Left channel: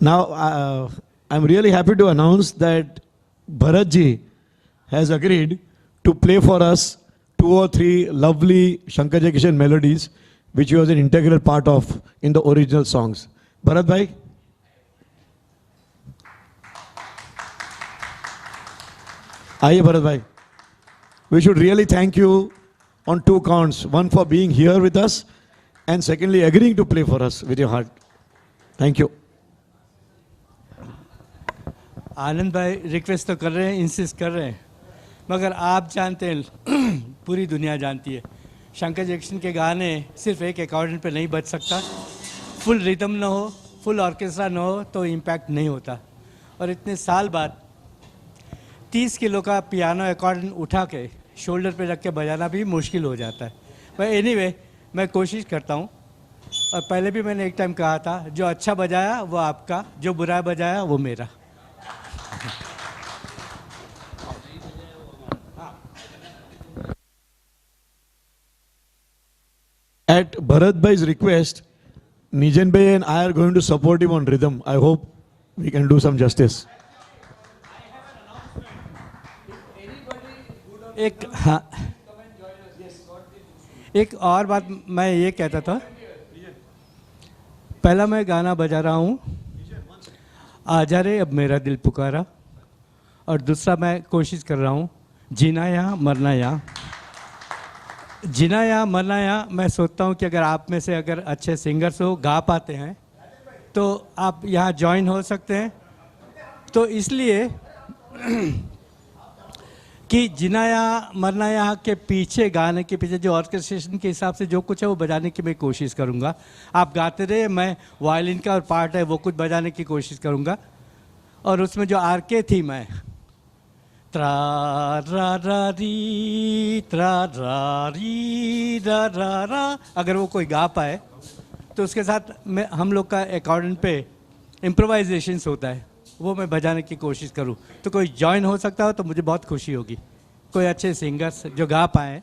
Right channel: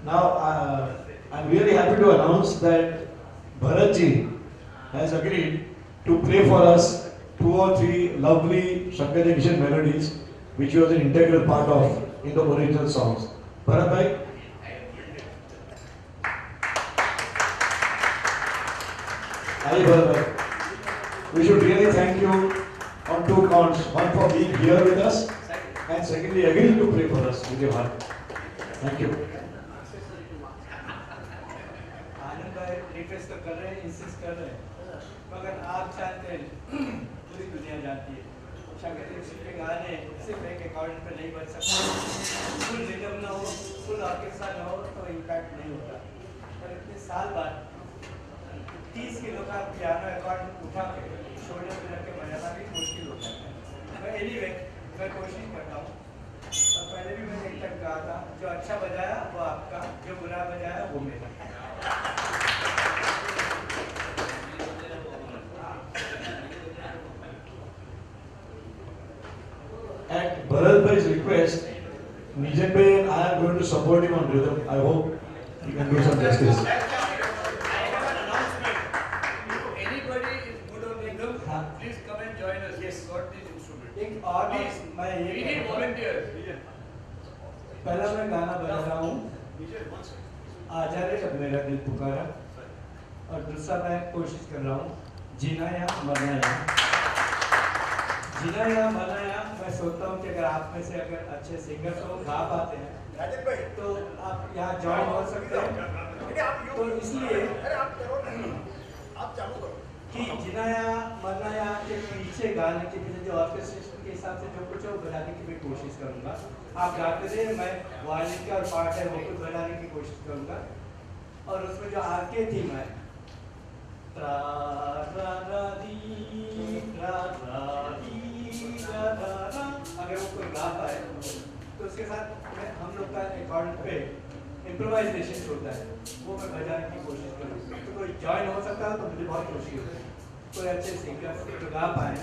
Now, I'm really happy to announce that Bharat ji has agreed to play for us 2 or 3 lovely Shankar Jaikishan melodies, which he was an integral part of in the original songs. Bharat bhai, aye Bharat bhai. We should really thank you on 2 counts. One for being here with us, and secondly agreeing to play for us with your heart. Thank you. आनंद भाई request तो कर रहे हैं, insist कर रहे हैं, मगर आप जानते हैं पूरी दुनिया जानती है शंकर जैक्सन के गाने सिर्फ एक अकॉर्डियन पे नहीं बज सकता। फुल रिदम ना हो, फुल ऑर्केस्ट्रा ना हो तो इम्पैक्ट नहीं होता। और इतने साल बाद 30 किलो का पियानो अकॉर्डियन उठा के शोल्डर पे रख के बजाना भी मुश्किल हो जाता है। पर एनीवे मैं कोशिश करता हूँ। और पहले भी मैंने एक टाइम कहा था, जो अच्छा बजाया वो आपका, जो बुरा बजाया वो मेरा। At Bharat bhai's request, Nijan bhai and I are going to support him on rhythm. I hope we can do some justice. एक और बात मैं ये कहता था, पहला मैं गाना बजा रहा हूँ आजा रे अब मेरा दिल पुकारा, और दूसरा मैं कोशिश कर रहा हूँ जीना यहाँ मरना यहाँ। जीना यहाँ मरना यहाँ मैं सोचता हूँ कि अगर आप में से अगर अच्छे सिंगर्स हो, गा पाते हैं तो आप यहाँ ज्वाइन हो सकते हैं। तो इसलिए कि जीना यहाँ मरना यहाँ के पीछे, गाने के पीछे जो ऑर्केस्ट्रेशन के हिसाब से जो कुछ है वो बजाने की मैं कोशिश करूँगा। आप गाते रहे, मैं वायलिन का और पार्ट है वो कुछ बजाने की कोशिश करूँगा। और उसमें जो आरके थीम है, त्रा रा रा री त्रा रा री रा रा रा, अगर वो कोई गा पाए तो उसके साथ मैं हम लोग का अकॉर्डियन पे इम्प्रोवाइजेशंस होता है, वो मैं बजाने की कोशिश करूं। तो कोई जॉइन हो सकता हो तो मुझे बहुत खुशी होगी। कोई अच्छे सिंगर्स जो गा पाए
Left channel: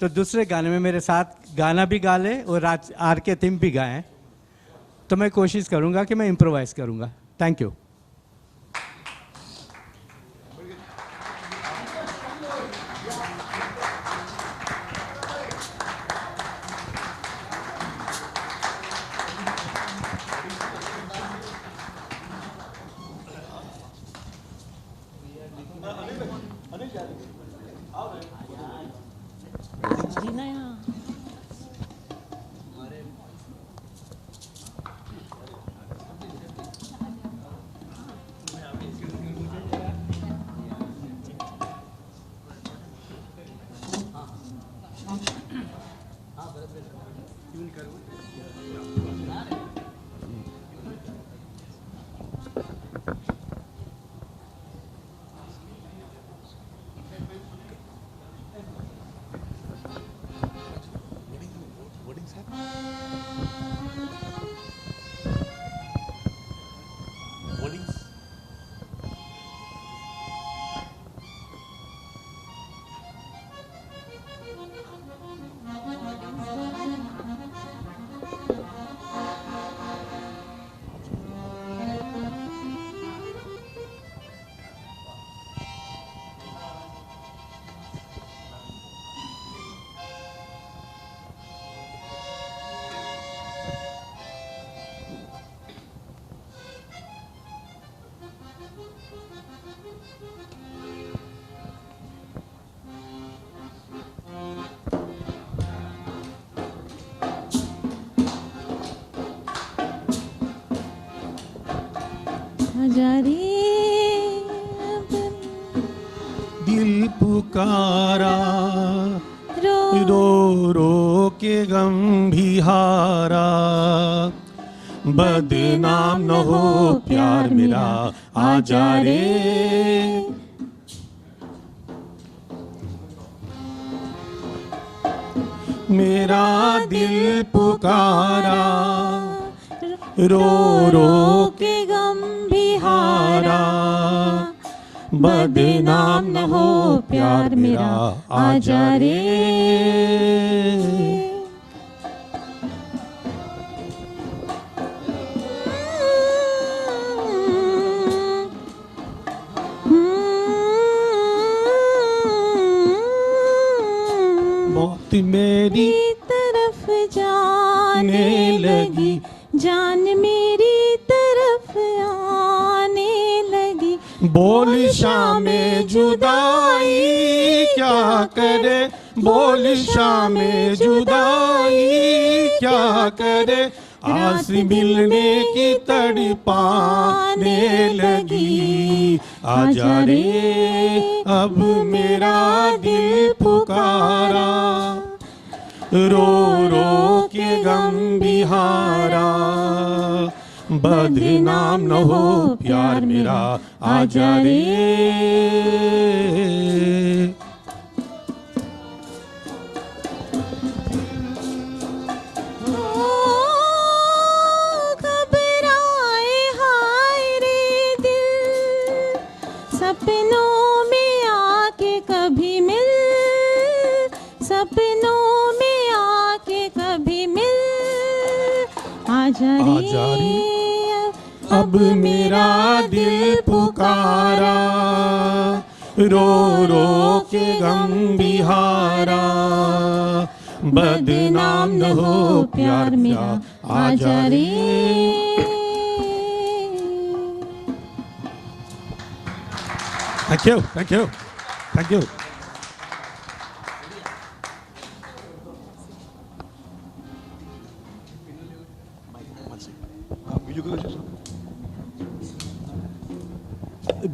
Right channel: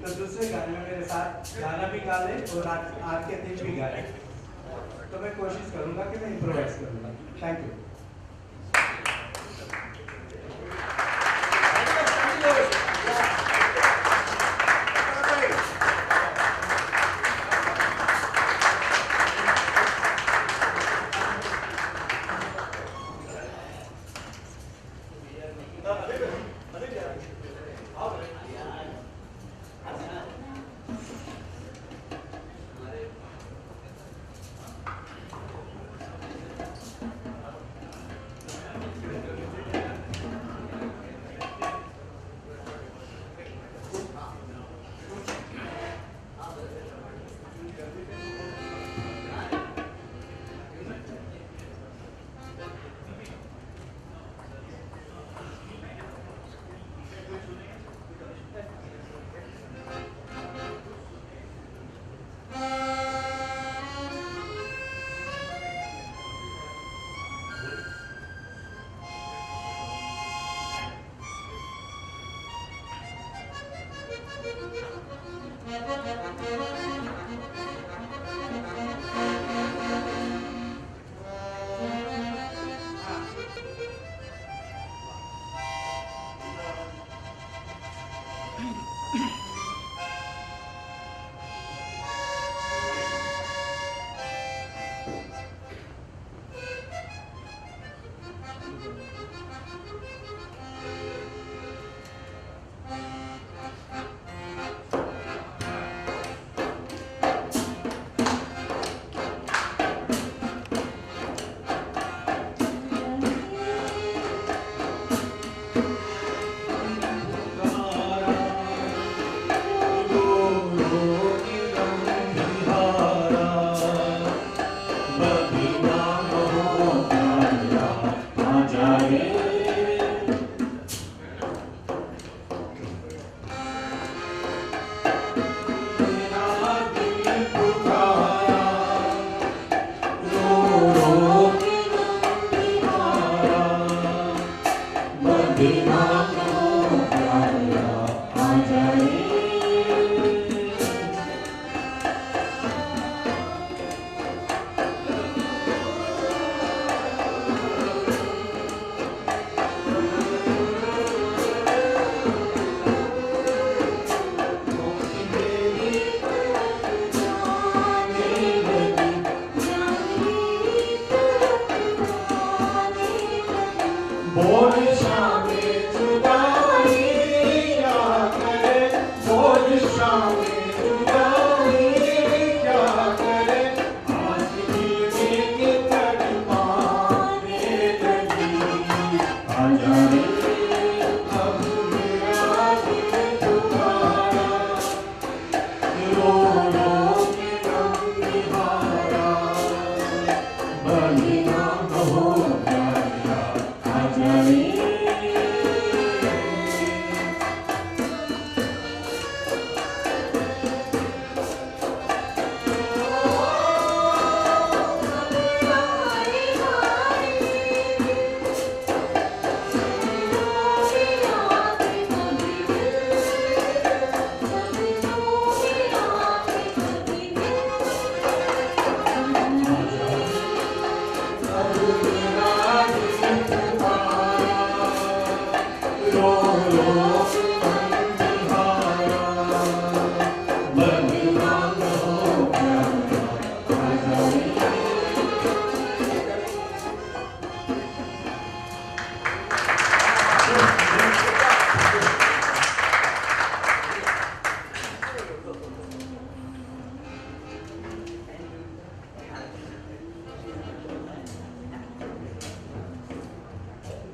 तो दूसरे गाने में मेरे साथ गाना भी गा ले और आर के थीम भी गाए, तो मैं कोशिश करूंगा कि मैं इम्प्रोवाइज़ करूंगा। Thank you. पुकारा रो रो के गंभीहारा, बदनाम न हो प्यार मेरा आजा रे। मेरा दिल पुकारा रो रो के गंभीहारा, बदनाम न हो प्यार मेरा आजा रे। बोल शामे जुदाई क्या करे, बोल शामे जुदाई क्या करे, आस मिलने की तड़पाने लगी। आजा रे अब मेरा दिल पुकारा, रो रो के गम बिहारा, बदनाम न हो प्यार मेरा, आजा रे। घबराए हाय रे दिल, सपनों में आके कभी मिल, सपनों में आके कभी मिल। आजा रे अब मेरा दिल पुकारा, रो रो के गम बिहारा, बदनाम न हो प्यार मेरा, आजा रे। Thank you. Thank you. Thank you.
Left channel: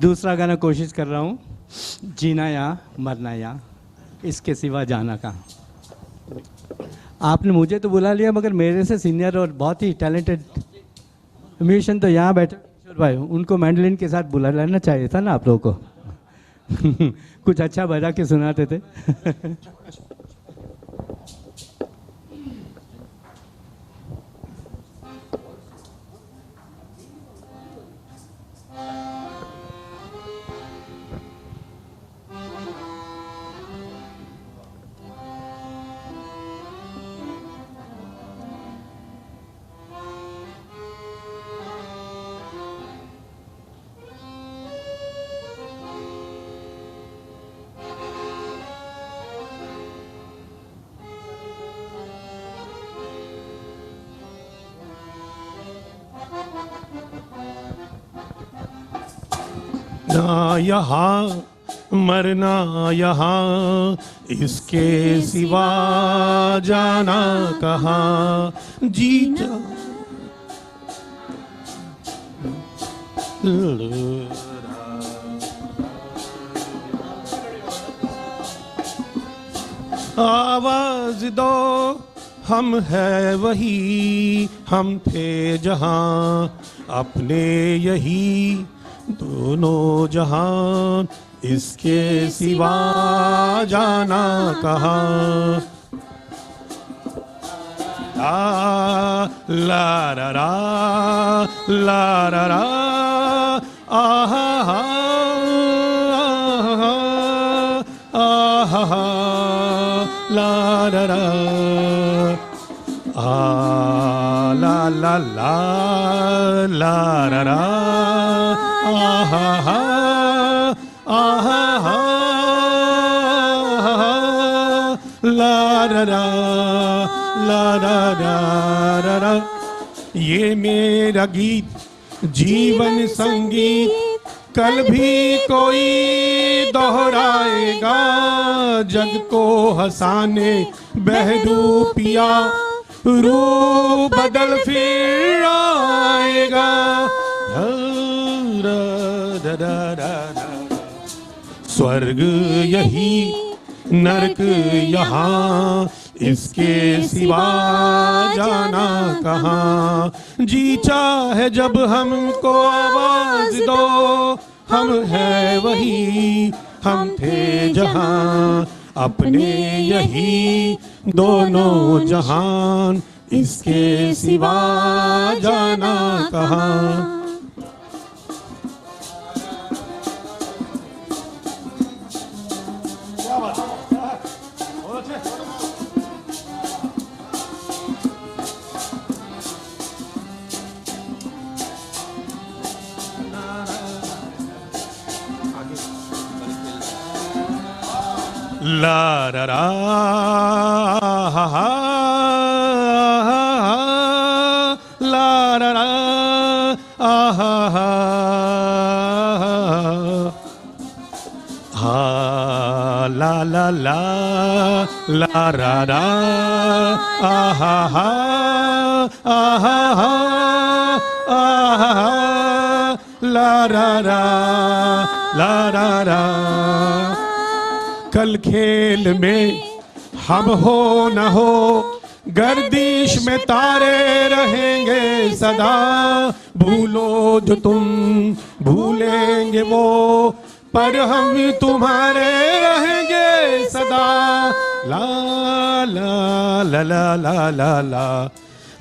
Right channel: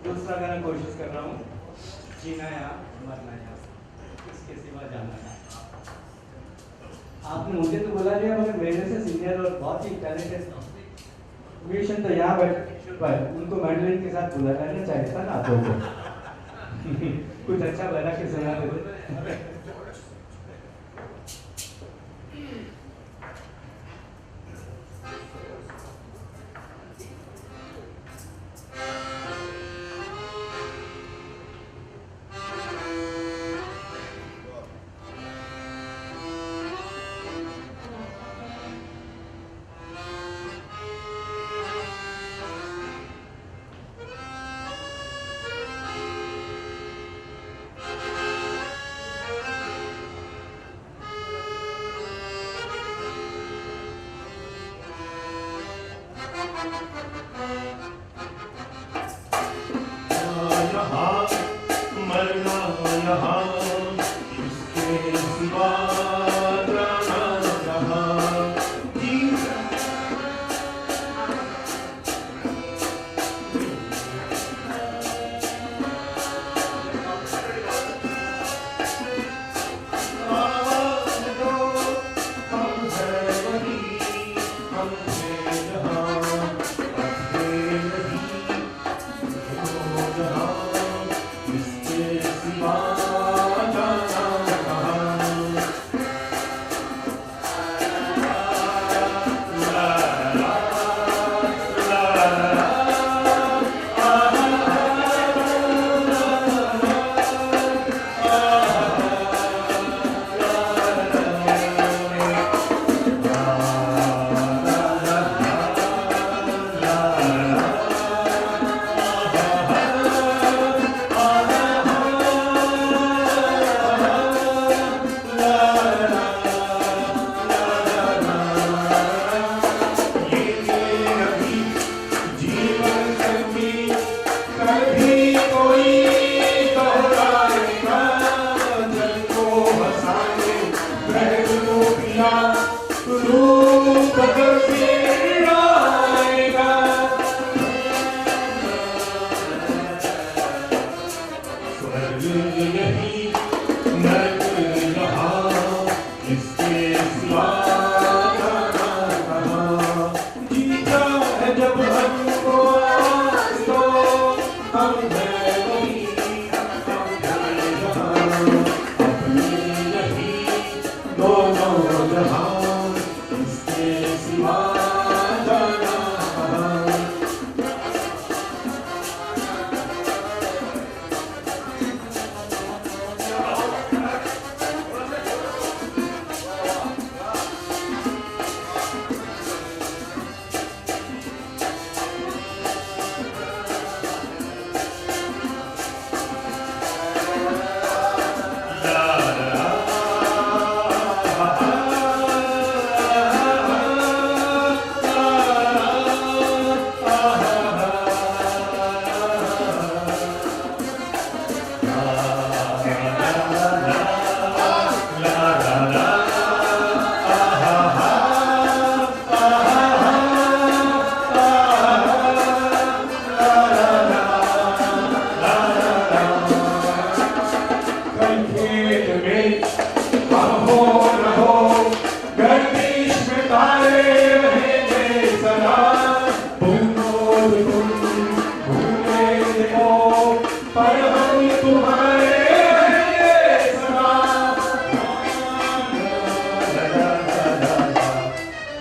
दूसरा गाना कोशिश कर रहा हूँ, जीना या मरना या इसके सिवा जाना का। आपने मुझे तो बुला लिया, मगर मेरे से सीनियर और बहुत ही टैलेंटेड म्यूजिशियन तो यहाँ बैठे भाई, उनको मैंडलिन के साथ बुला लेना चाहिए था ना आप लोगों को। कुछ अच्छा बजा के सुनाते थे। ना यहाँ मरना यहाँ, इसके सिवा जाना कहाँ। जीत आवाज दो, हम हैं वही, हम थे जहाँ अपने यही दोनों जहाँ, इसके सिवा जाना कहाँ। ला रा रा ला रा रा आहा आहा ला रा रा ला ला ला ला रा रा आहा आहा ला रा रा ला रा रा रा। ये मेरा गीत जीवन संगीत, कल भी कोई दोहराएगा, जग को हंसाने बहदूपिया रूप बदल फिर आएगा। स्वर्ग यही नरक यहाँ, इसके सिवा जाना कहाँ। जी चाहे जब हमको आवाज दो, हम हैं वही, हम थे जहाँ अपने यही दोनों जहान, इसके सिवा जाना कहाँ। ला रा रा हा हा ला रा रा आहा हा ला रा रा आहा हा आहा हा आहा ला रा रा ला रा रा। कल खेल में हम हो न हो गर्दिश में तारे रहेंगे सदा, भूलो जो तुम भूलेंगे वो पर हम ही तुम्हारे रहेंगे सदा। ला ला ला ला ला ला ला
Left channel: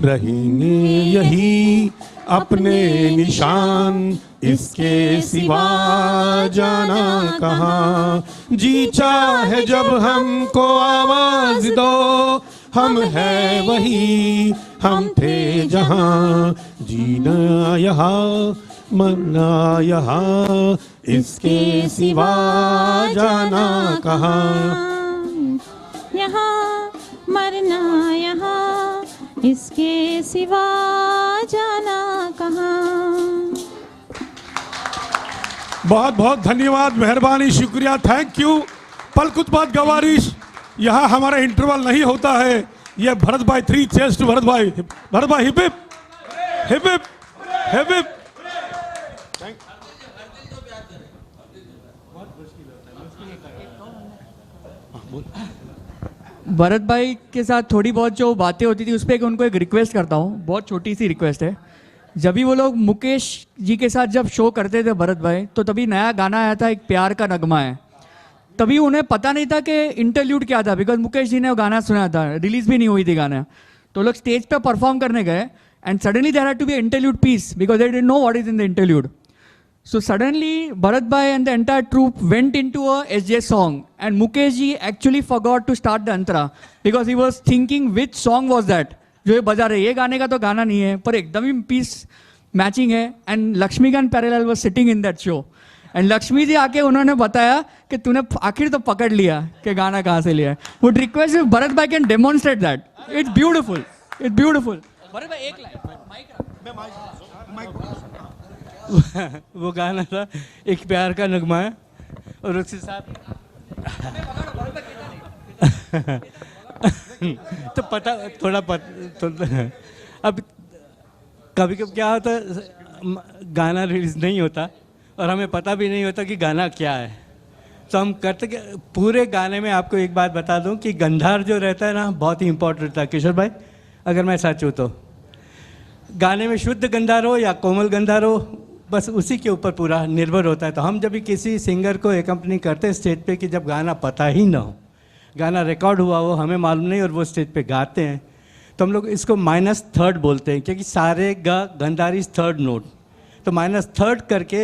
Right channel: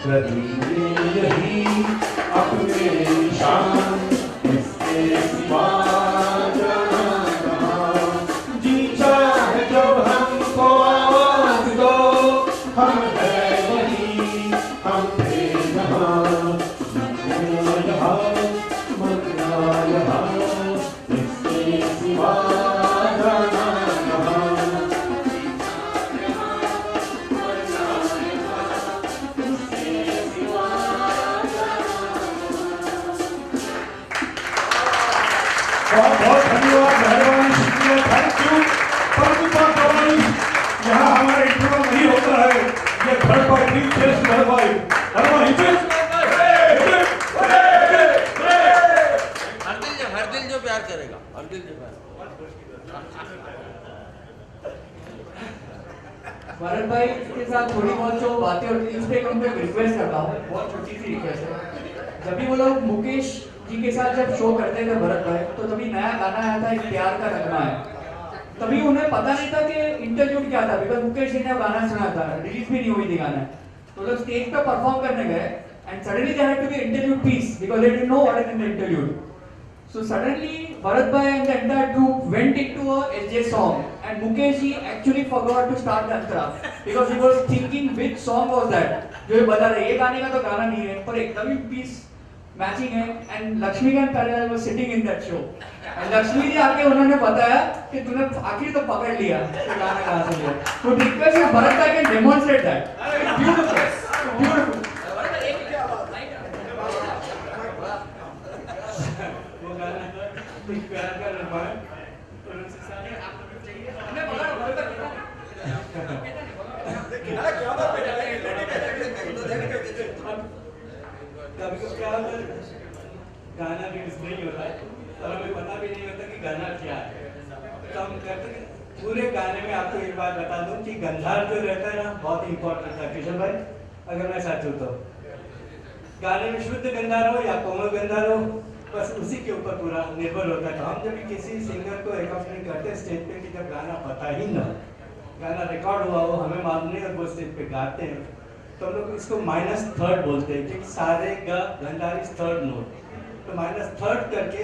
रहेंगे यही अपने निशान, इसके सिवा जाना कहाँ। जी चाहे जब हमको आवाज दो, हम है वही हम थे जहाँ। जीना यहाँ मरना यहाँ, इसके सिवा जाना कहाँ। यहाँ मरना यहाँ, इसके सिवा जाना कहाँ। बहुत बहुत धन्यवाद, मेहरबानी, शुक्रिया, थैंक यू। पर कुछ बात गवारी, यहाँ हमारा इंटरवल नहीं होता है। ये भरत भाई 3 चेस्ट भरत भाई हिप हिप हिप हिप। हर दिल जो प्यार करेगा, हर दिल जो प्यार। भरत भाई के साथ थोड़ी बहुत जो बातें होती थी उस पर उनको एक रिक्वेस्ट करता हूँ, बहुत छोटी सी रिक्वेस्ट है। जब भी वो लोग मुकेश जी के साथ जब शो करते थे भरत भाई, तो तभी नया गाना आया था, एक प्यार का नगमा है। तभी उन्हें पता नहीं था कि इंटरल्यूड क्या था, बिकॉज मुकेश जी ने वो गाना सुना था, रिलीज भी नहीं हुई थी गाना। तो लोग स्टेज पे परफॉर्म करने गए and suddenly there had to be interlude piece because they didn't know what is in the interlude. So suddenly Bharat Bhai and the entire troupe went into a SJ song and Mukesh ji actually forgot to start the antara because he was thinking which song was that जो ये बजा रहे, ये गाने का तो गाना नहीं है, पर एकदम ही पीस मैचिंग है। And Laxmikant Pyarelal was sitting in that show and Laxmi ji आके उन्होंने बताया कि तूने आखिर तो पकड़ लिया कि गाना कहाँ से लिया। वुड रिक्वेस्ट इफ भरत भाई can demonstrate that, it's beautiful, it's beautiful. वो गाना था एक प्यार का नगमा है और उसके साथ तो पता थोड़ा अब कभी कभी क्या होता है, गाना रिलीज नहीं होता और हमें पता भी नहीं होता कि गाना क्या है। तो हम करते पूरे गाने में आपको एक बात बता दूं कि गंधार जो रहता है ना, बहुत ही इंपॉर्टेंट था किशोर भाई, अगर मैं सच हूँ तो। गाने में शुद्ध गंधार हो या कोमल गंधार हो, बस उसी के ऊपर पूरा निर्भर होता है। तो हम जब भी किसी सिंगर को एकम्पनी करते हैं स्टेज पे कि जब गाना पता ही ना हो, गाना रिकॉर्ड हुआ हो, हमें मालूम नहीं, और वो स्टेज पे गाते हैं, तो हम लोग इसको -3 बोलते हैं क्योंकि सारे गंधार इज 3rd नोट। तो -3 करके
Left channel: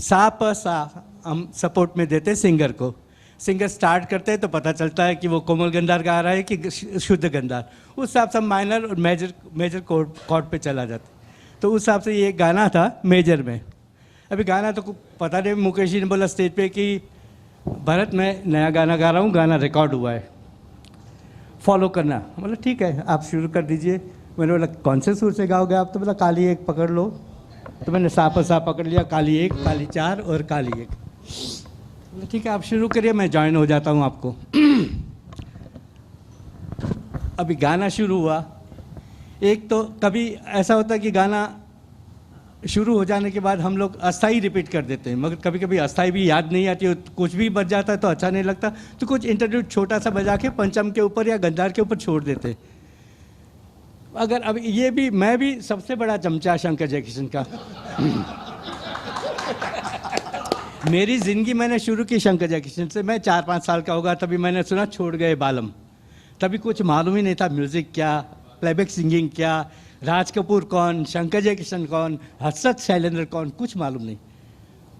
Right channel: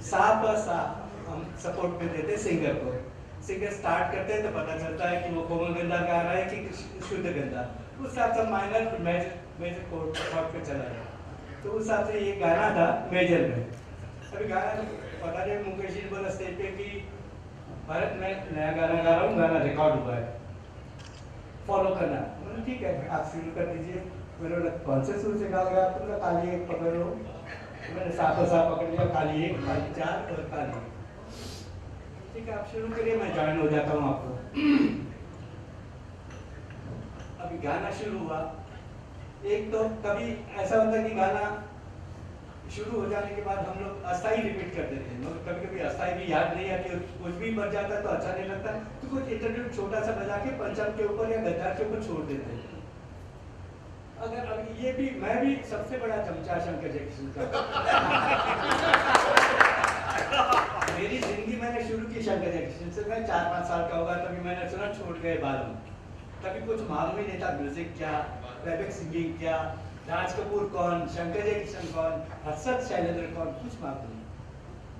सा प सा हम सपोर्ट में देते हैं सिंगर को। सिंगर स्टार्ट करते हैं तो पता चलता है कि वो कोमल गंधार गा रहा है कि शुद्ध गंधार। उस हिसाब से माइनर और मेजर कॉर्ड पे चला जाता। तो उस हिसाब से ये गाना था मेजर में। अभी गाना तो पता नहीं, मुकेश जी ने बोला स्टेज पे कि भरत मैं नया गाना गा रहा हूँ, गाना रिकॉर्ड हुआ है, फॉलो करना। बोला ठीक है आप शुरू कर दीजिए। मैंने बोला कौन से सुर से गाओगे आप? तो बोला काली 1 पकड़ लो। तो मैंने सा पकड़ लिया, काली 1, काली 4 और काली 1। ठीक है आप शुरू करिए, मैं ज्वाइन हो जाता हूँ आपको। अभी गाना शुरू हुआ। एक तो कभी ऐसा होता है कि गाना शुरू हो जाने के बाद हम लोग अस्थाई रिपीट कर देते हैं, मगर कभी कभी अस्थाई भी याद नहीं आती, कुछ भी बच जाता है तो अच्छा नहीं लगता, तो कुछ इंटरल्यूड छोटा सा बजा के पंचम के ऊपर या गंधार के ऊपर छोड़ देते। अगर अब ये भी मैं भी सबसे बड़ा चमचा शंकर जयकिशन का। मेरी ज़िंदगी मैंने शुरू की शंकर जयकिशन से। मैं 4-5 साल का होगा तभी मैंने सुना छोड़ गए बालम। तभी कुछ मालूम ही नहीं था म्यूज़िक क्या, प्लेबैक सिंगिंग क्या, राज कपूर कौन, शंकर जयकिशन कौन, हर्षद शैलेंद्र कौन, कुछ मालूम नहीं।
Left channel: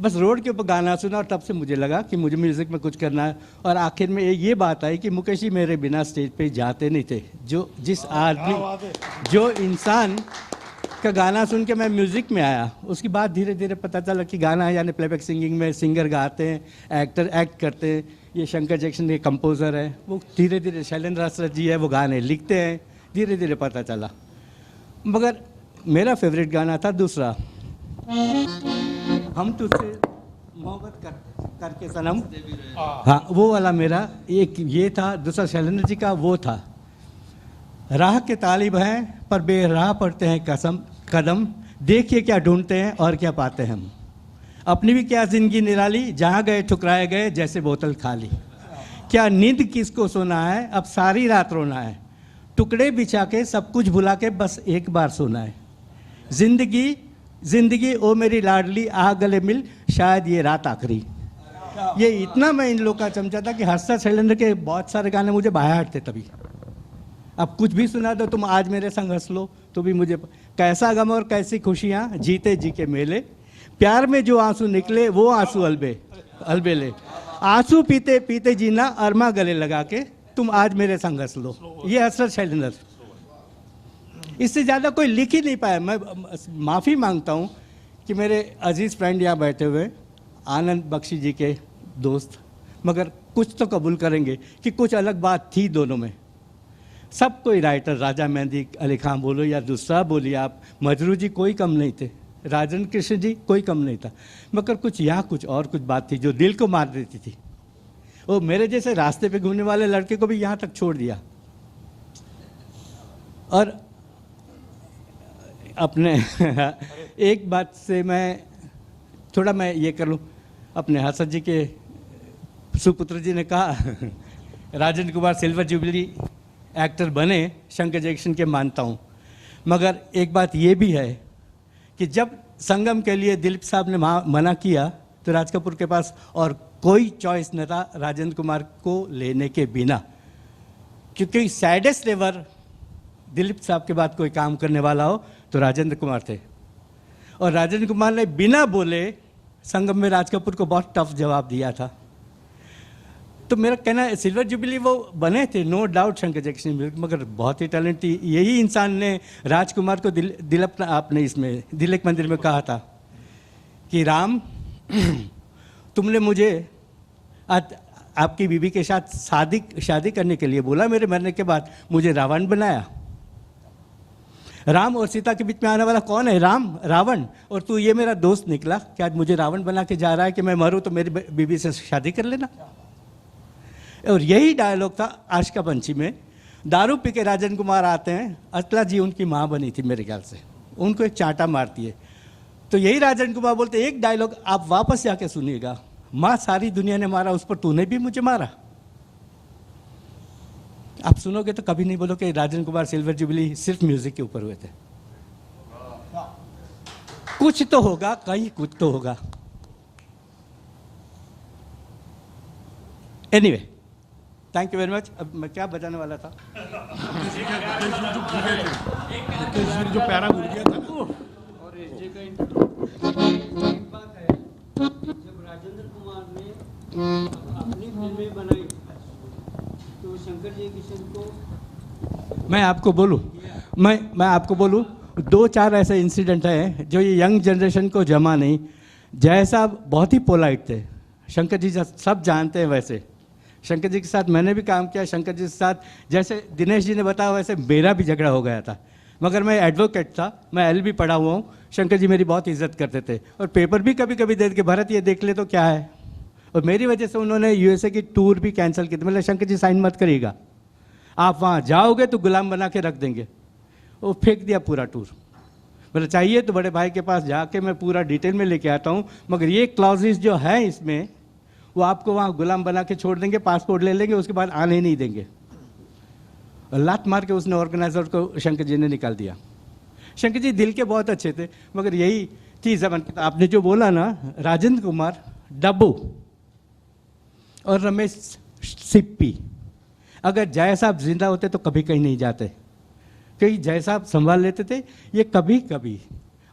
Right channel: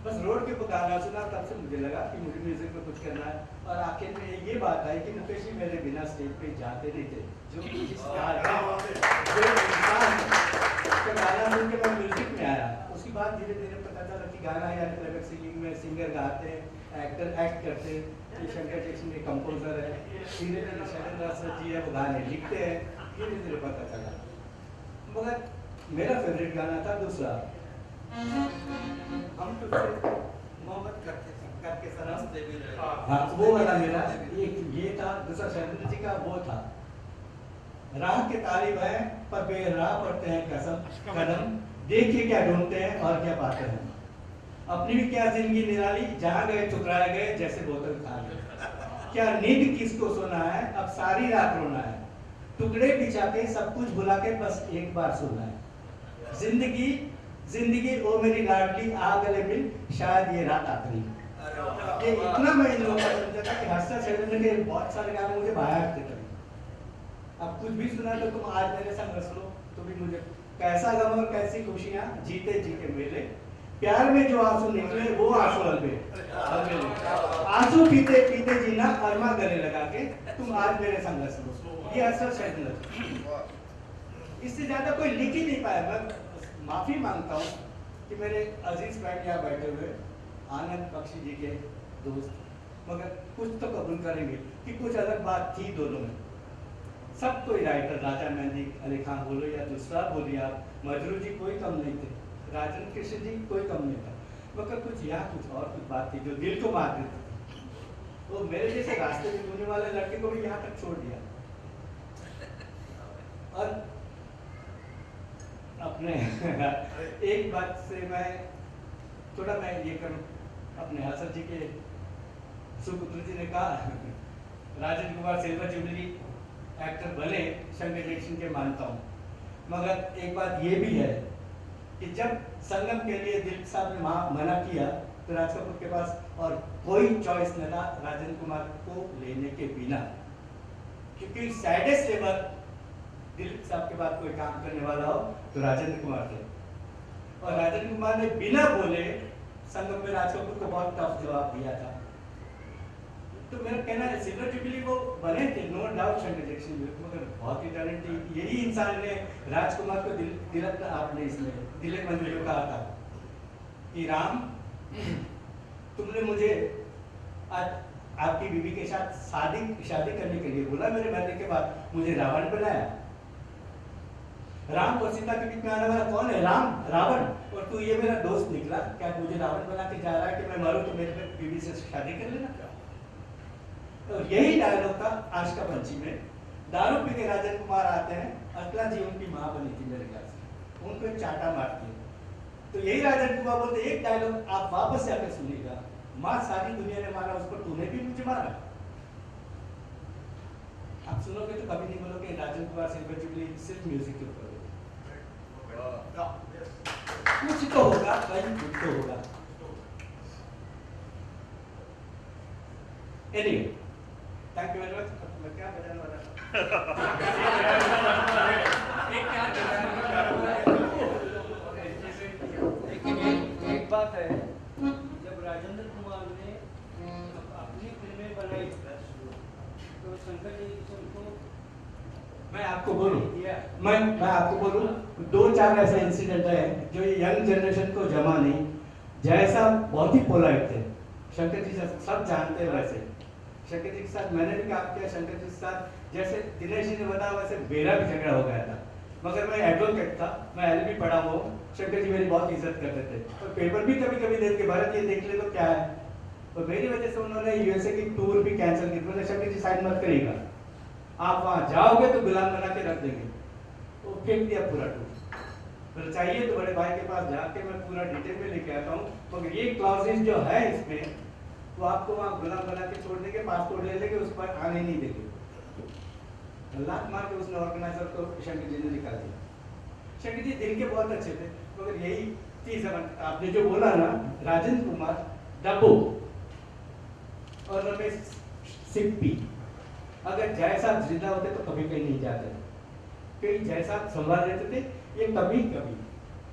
बस रोड के ऊपर गाना सुना और तब से मुझे लगा कि मुझे म्यूज़िक में कुछ करना है। और आखिर में ये बात आई कि मुकेश जी मेरे बिना स्टेज पे जाते नहीं थे। जिस आदमी, जो इंसान का गाना सुन के मैं म्यूज़िक में आया, उसकी बात धीरे धीरे पता चला कि गाना है यानी प्लेबैक सिंगिंग में सिंगर गाते हैं, एक्टर एक्ट करते हैं। ये शंकर जयकिशन के कंपोज़र है, वो धीरे धीरे शैलेंद्र हर्षद जी है, वो गाने लिखते हैं, धीरे धीरे पता चला। मगर मेरा फेवरेट गाना था दूसरा, हम तुझसे मोहब्बत करके सनम, हाँ वो वाला मेरा एक ये था। दूसरा शैलेंद्र जी का वो था, राह के तालिब हैं पर बेराह पड़ते हैं कदम, देखिए क्या ढूंढते हैं और क्या पाते हैं हम। अपनी भी क्या जिंदगी निराली, जहाँ गए ठुकराए गए जैसे बोतल खाली। क्या नींद किसको सोना है, अब सारी रात रोना है। टुकड़े बिछा के सब कुछ भुला के बस एक बार सोना है। जिंदगी ओ मेरी लाडली, आ गले मिल शायद ये रात आखिरी। ये इतना मैं इन लोग का चमचा था कि हर्षा शैलेंद्र के बहुत सारे गाने मुझे बाहर थे तभी। अब कुछ भी सुना तो तुम आज मेरे संग हंस लो तो भी मुझे, कैसा गम और कैसी खुशियाँ जीते जी के मेले, प्यार में जो आंसू निकले वो आंसू अलबेले, आंसू पीते पीते जीना अरमा गले लगा के, तुम आज मेरे संग हंस लो। ये हर्षा शैलेंद्र, इससे ज़्यादा कोई लिख ही नहीं पाया। मैं माफ़ी मांगता हूँ कि मेरे अजीज़ फ्रेंड यहाँ बैठे हुए आनंद बख्शी जी के दोस्त, मगर कुछ तो कबूल करेंगे कि कुछ अलग बात थी दोनों में। सब कोई राइटर, राजा मेहंदी अली खान बोलो या दूसरा बोलिए आप, मजरू जी कोई कम नहीं थे, राजन कृष्ण जी कोई कम नहीं था, मगर कुछ यहाँ कुछ और कुछ बात थी जो दिल को मार देती थी। वो मेरे जैसे रास्ते पे घूमने वाले लड़के को भी यहाँ तक छोड़ दिया। और अपने एक बात से मैं ये कर लूँ, अपने हसन जी के सुपुत्र जी ने कहा Rajan Kumar silver jubilee actor बने, शंकर जयकिशन के मानता हूँ, मगर एक बात ये भी है कि जब संगम के लिए दिलीप साहब ने मना किया तो राज कपूर के पास और कोई चॉइस न था राजेंद्र कुमार को लेने के बिना, क्योंकि सैडेस्ट एवर दिलीप साहब के बाद कोई काम करने वाला हो तो राजेंद्र कुमार थे। और राजेंद्र कुमार ने बिना बोले संगम में राज कपूर को बहुत टफ जवाब दिया था। तो मेरा कहना है सिल्वर जुबली वो बने थे, नो डाउट शंकर जयकिशन, मगर बहुत ही टैलेंट थी। यही इंसान ने राजकुमार को आपने इसमें दिल एक मंदिर में कहा था कि राम तुमने मुझे आपकी बीवी के साथ शादी करने के लिए बोला, मेरे मरने के बाद मुझे रावण बनाया। राम और सीता के बीच में आने वाला कौन है? रावण। और तू ये मेरा दोस्त निकला कि आज मुझे रावण बना के जा रहा है कि मैं मरूं तो मेरी बीवी से शादी कर लेना। और यही डायलॉग था आशिका पंछी में। दारू पी के राजन कुमार आते हैं, असला जी उनकी माँ बनी थी मेरे ख्याल से, उनको एक चांटा मारती है, तो यही राजन कुमार बोलते एक डायलॉग आप वापस जाके सुनिएगा, माँ सारी दुनिया ने मारा, उस पर तूने भी मुझे मारा। आप सुनोगे तो कभी नहीं बोलो कि राजन कुमार सिल्वर जुबली सिर्फ म्यूजिक के ऊपर हुए थे। कुछ तो होगा, कहीं कुछ तो होगा। Anyway, thank you very much. अब मैं क्या बजाने वाला था? जो प्यारा गुरु एक बात है, जब राजेंद्र कुमार ने अपनी फिल्में बनाई तो शंकर जयकिशन को मैं आपको बोलूं 2-4 ऐसे इंसिडेंट हैं जो ये यंग जनरेशन को जमा नहीं। जय साहब बहुत ही पोलाइट थे, शंकर जी सब जानते हैं। वैसे शंकर जी के साथ मैंने भी काम किया, शंकर जी के साथ जैसे दिनेश जी ने बताया वैसे मेरा भी झगड़ा हो गया था, मगर मैं एडवोकेट था, मैं LLB पढ़ा हुआ हूँ। शंकर जी मेरी बहुत इज्जत करते थे और पेपर भी कभी कभी दे के भरत ये देख ले तो क्या है। और मेरी वजह से उन्होंने USA की टूर भी कैंसिल की थी। मतलब शंकर जी साइन मत करिएगा, आप वहाँ जाओगे तो गुलाम बना के रख देंगे। वो फेंक दिया पूरा टूर। मतलब चाहिए तो बड़े भाई के पास जाके मैं पूरा डिटेल में लेके आता हूँ, मगर ये क्लॉजेस जो है इसमें वो आपको वहाँ गुलाम बना के छोड़ देंगे, पासपोर्ट ले लेंगे, उसके बाद आने नहीं देंगे। लात मार के उसने ऑर्गेनाइजर को शंकर जी ने निकाल दिया। शंकर जी दिल के बहुत अच्छे थे, मगर यही चीज़ आपने जो बोला ना, राजेंद्र कुमार, डब्बू और रमेश सिप्पी, अगर जय साहब जिंदा होते तो कभी कहीं नहीं जाते, क्योंकि जय साहब संभाल लेते थे ये कभी कभी।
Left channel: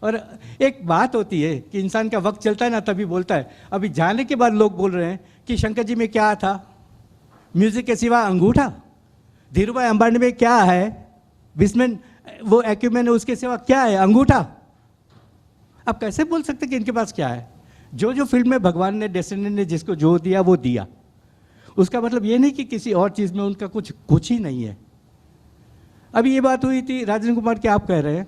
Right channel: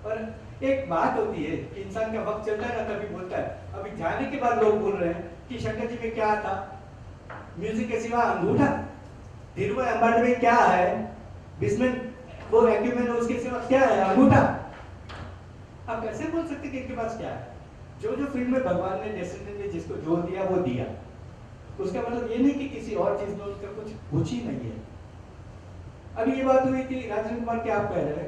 और एक बात होती है कि इंसान का वक्त चलता है ना तभी बोलता है। अभी जाने के बाद लोग बोल रहे हैं कि शंकर जी में क्या था, म्यूजिक के सिवा अंगूठा। धीरूभाई अंबानी में क्या है, बिस्मिन वो एक्यूमेंट, उसके सिवा क्या है, अंगूठा। आप कैसे बोल सकते कि इनके पास क्या है? जो फिल्म में भगवान ने, डेस्टिनी ने जिसको जो दिया वो दिया। उसका मतलब ये नहीं कि किसी और चीज़ में उनका कुछ ही नहीं है। अभी ये बात हुई थी राजेंद्र कुमार की, आप कह रहे हैं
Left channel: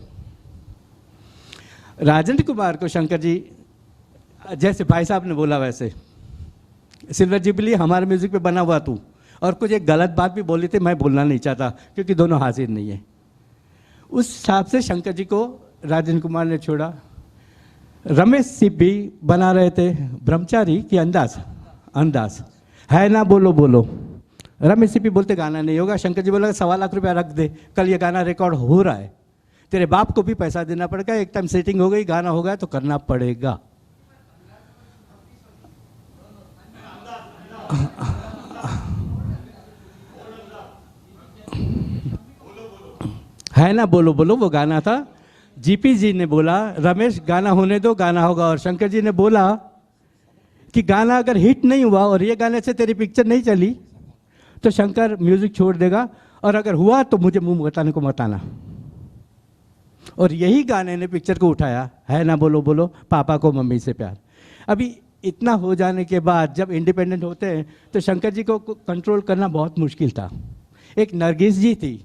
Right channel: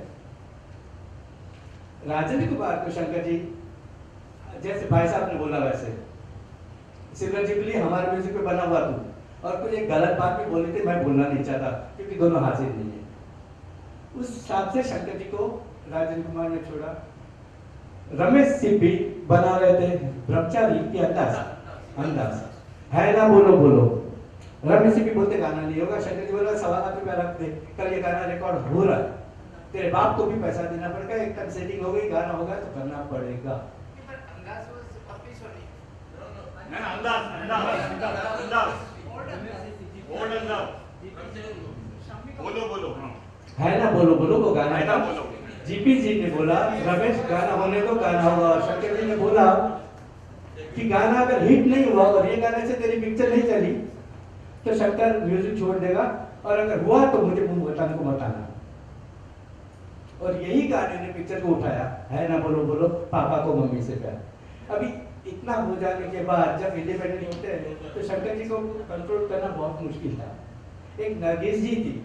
राजेंद्र कुमार को शंकर जी जैसे भाई साहब ने बोला वैसे सिल्वर जुबली हमारे म्यूजिक पे बना हुआ तू, और कुछ एक गलत बात भी बोली थी, मैं बोलना नहीं चाहता क्योंकि दोनों हाजिर नहीं है। उस हिसाब से शंकर जी को राजेंद्र कुमार ने छोड़ा। रमेश सिप्पी बना रहे थे ब्रह्मचारी की अंदाज है ना बोलो बोलो। रमेश सिप्पी बोलते गाना नहीं होगा, शंकर जी बोला 1.25 लाख रुपया रख दे, कल ये गाना रिकॉर्ड हो रहा है, तेरे बाप को भी पैसा देना पड़ेगा, एक टाइम सेटिंग हो गई, गाना हो गया तो करना पड़ेगा। है ना बोलो बोलो वो गाना था। जीपी जी ने बोला रमेश गाना होने दो, गाना होगा, और शंकर जी ने बोला कि गाना अगर हिट नहीं हुआ और ये गाने से तेरी पिक्चर नहीं चली तो शंकर म्यूजिक छोड़ देगा, और अगर हुआ तो मुझे मुंह बताने को मत आना। और यही गाने ने पिक्चर को उठाया, है ना बोलो बोलो, पापा को मम्मी से प्यार। अभी इतना हो जाने के बाद जब इंडिपेंडेंट होते हैं तो शंकर जी को कंट्रोल करना बहुत मुश्किल था। एक नरगिस जी थी,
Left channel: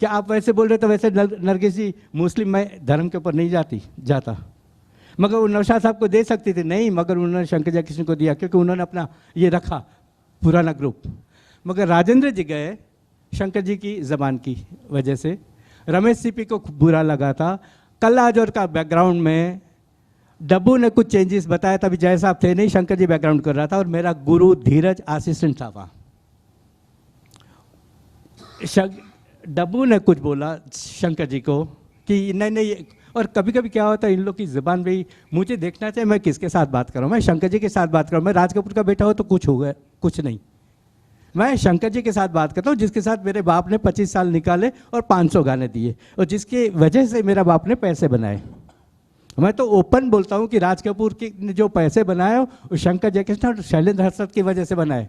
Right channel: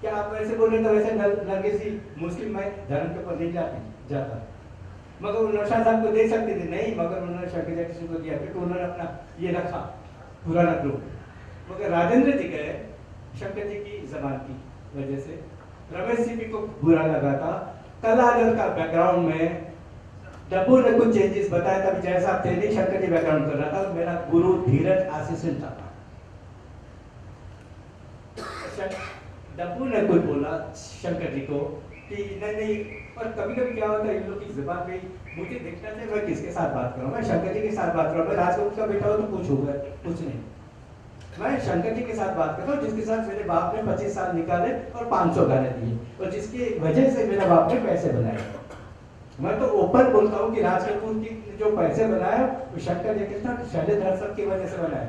क्या आप वैसे बोल रहे थे वैसे नरगिस जी मुस्लिम मैं धर्म के ऊपर नहीं जाता, मगर वो नौशाद साहब को दे सकती थी, नहीं, मगर उन्होंने शंकर जयकिशन को दिया क्योंकि उन्होंने अपना ये रखा पुराना ग्रुप। मगर राजेंद्र जी गए शंकर जी की ज़बान की वजह से। रमेश सिप्पी को बुरा लगा था। कल्लाजोर का बैकग्राउंड में डब्बू ने कुछ चेंजेस बताया था, अभी जय साहब थे नहीं, शंकर जी बैकग्राउंड कर रहा था और मेरा गुरु धीरज असिस्टेंट था वहाँ। डब्बू ने कुछ बोला शंकर जी को कि नहीं, और कभी कभी क्या होता है इन लोग की ज़बान भी, मुझे देखना चाहिए मैं किसके साथ बात कर रहा हूँ, मैं शंकर जी के साथ बात कर रहा हूँ, मैं राज कपूर का बेटा हो तो कुछ हो गया, कुछ नहीं, मैं शंकर जी के साथ बात करता हूँ जिसके साथ मेरे बाप ने 25 साल निकाले और 500 गाने दिए और जिसकी वजह से मेरा बाप ने पैसे बनाए। मैं तो ओपन बोलता हूँ कि राज कपूर की ने जो पैसे बनाए वो शंकर जयकिशन और शैलेंद्र हर्षद की वजह से बनाए,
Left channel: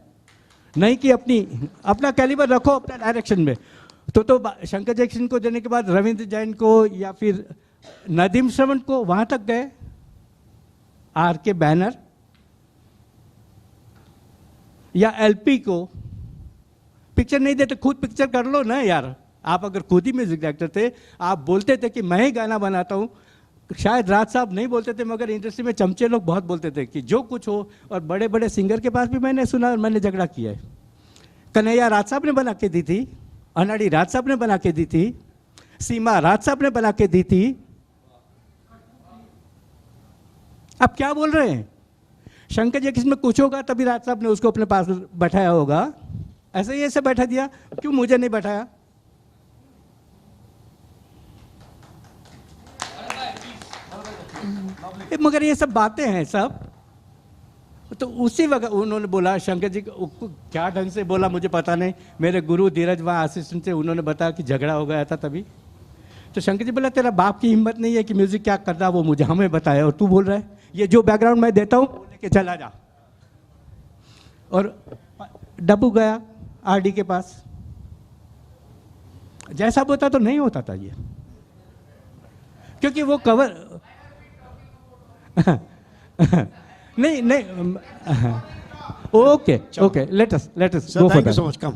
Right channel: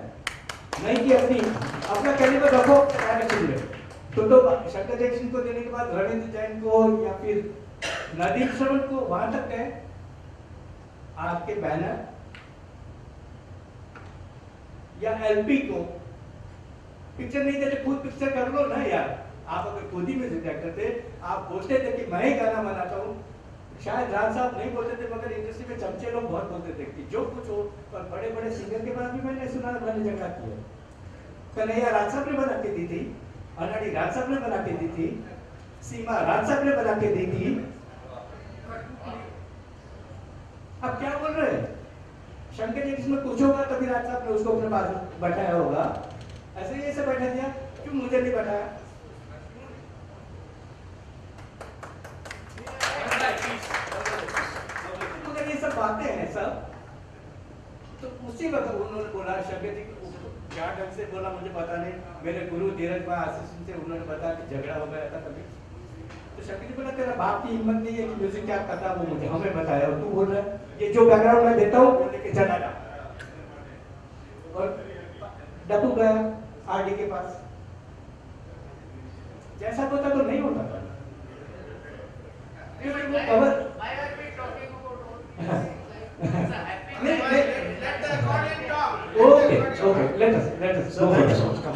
नहीं कि अपना कैलिबर रखो डायरेक्शन में। तो शंकर जयकिशन को देने के बाद रविंद्र जैन को या फिर नदीम श्रवण को वहाँ तक गए, आर के बैनर या एलपी को पिक्चर नहीं देते, खुद पिक्चर कर लो ना यार। आप अगर खुद ही म्यूजिक डायरेक्टर थे, आप बोलते थे कि मैं ही गाना बनाता हूँ, शायद राज साहब नहीं बोलते थे मगर इंडस्ट्री में चमचे लोग बहुत बोलते थे कि जो कुछ हो। और बड़े बड़े सिंगर के पास भी मैंने सुना और मैंने झगड़ा किया है। कन्हैया राज साहब ने बना के दी थी, अनाड़ी राज साहब ने बना के दी थी, सीमा राज साहब ने बना के दी थी। आप क्या बोल रहे हैं? शंकर जी किसमें कुछ होगा तभी राज साहब ने उसको अपने पास बैठाया होगा, ऐसे ही ऐसे बैठा दिया, क्यों मुझे नहीं बैठाया? मगर ये सब बातें हैं सब। तो उसी वक्त उन्होंने बोला शंकर जी क्या ढंग से बोला मुझे पता नहीं, मेरे गुरु धीरज वहाँ असिस्टेंट से उन्होंने बताया कि झगड़ा हो गया था तभी। तो शंकर जी बोला तेरा बाप की हिम्मत नहीं है कि म्यूजिक क्या करता वो मुझे हमें बताया, और तू बोल रहा है ये जो बैकग्राउंड मैं देता हूँ लेके चला जा। और डब्बू गया आरडी के पास, जैसा होता तो नहीं होता था ये, क्योंकि वो कवर नहीं okay let us go for Thank you so much. Come.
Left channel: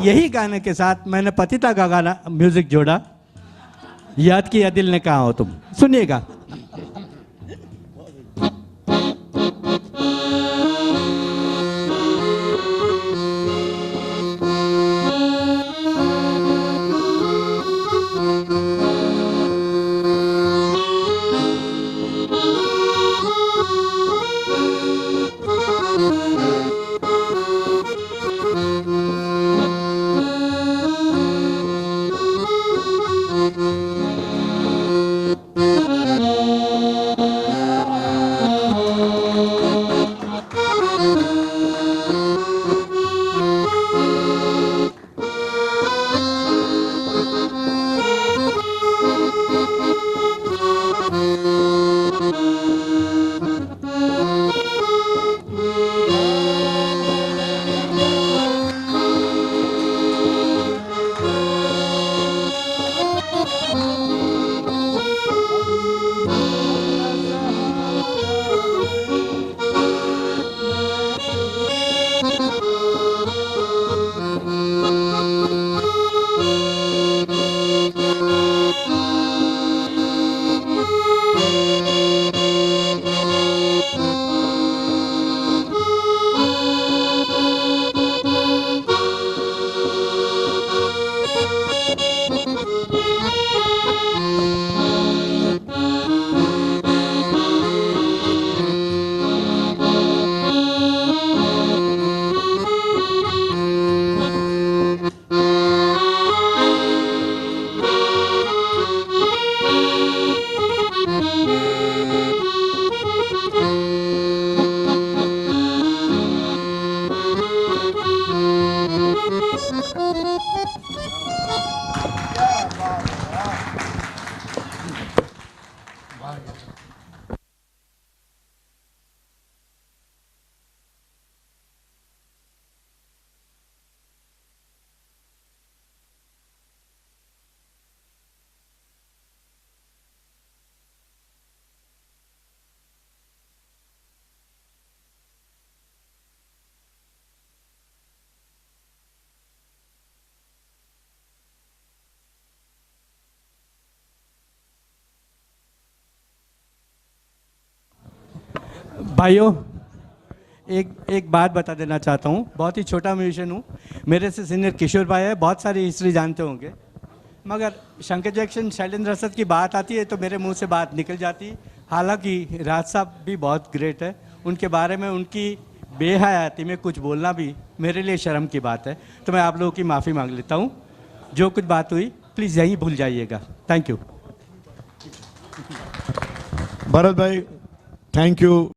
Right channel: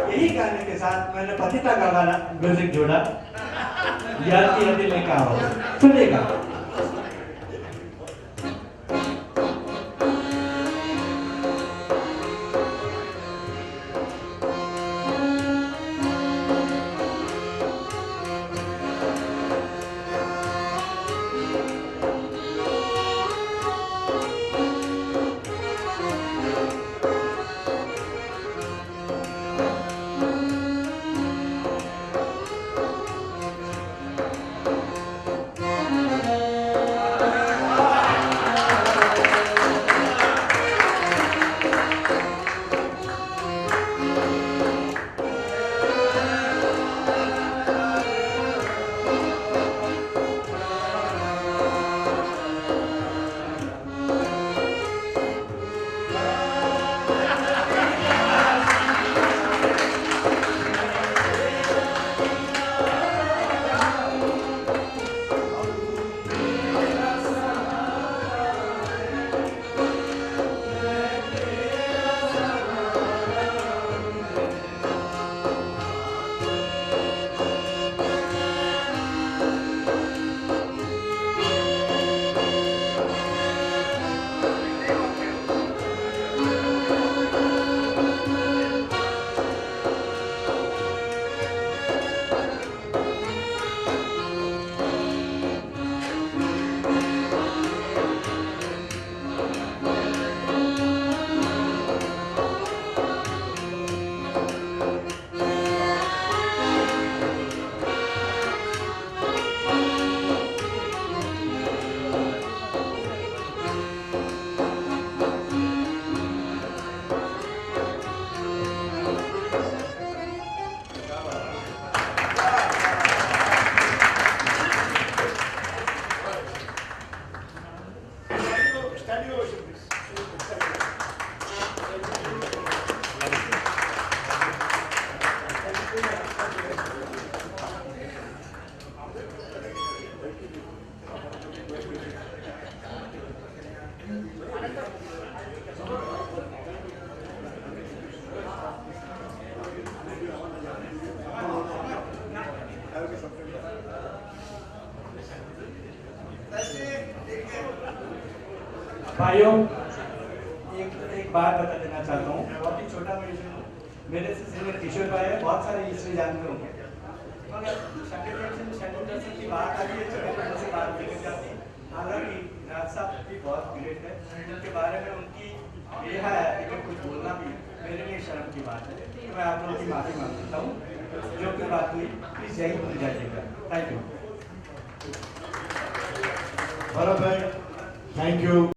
यही गाने के साथ मैंने पतिता का गाना म्यूजिक जोड़ा, याद किया दिल ने कहा हो तो सुनिएगा। भाइयों, एक बात बता देना चाहता हूँ, बहुत ही छोटा म्यूजिशियन हूँ। मेरे से सीनियर किशोर भाई है, बहुत सारी हिस्ट्री जानते होंगे, मगर शंकर जैक्सन, शैलेंद्र रसद की बात आती है तो मेरे मुंह से बात निकल जाती है। हालांकि राज साहब भी बहुत ग्रेट है, उनके बारे में उनकी बेहयाती में कुछ बोलना भी मेरे लिए शर्म की बात है, तो मैं आप लोगों की माफ़ी मांग लेता हूँ। जो कुछ बात हुई प्लीज़ यही भूल जाइएगा। Thank you. भरत भाई, थैंक यू।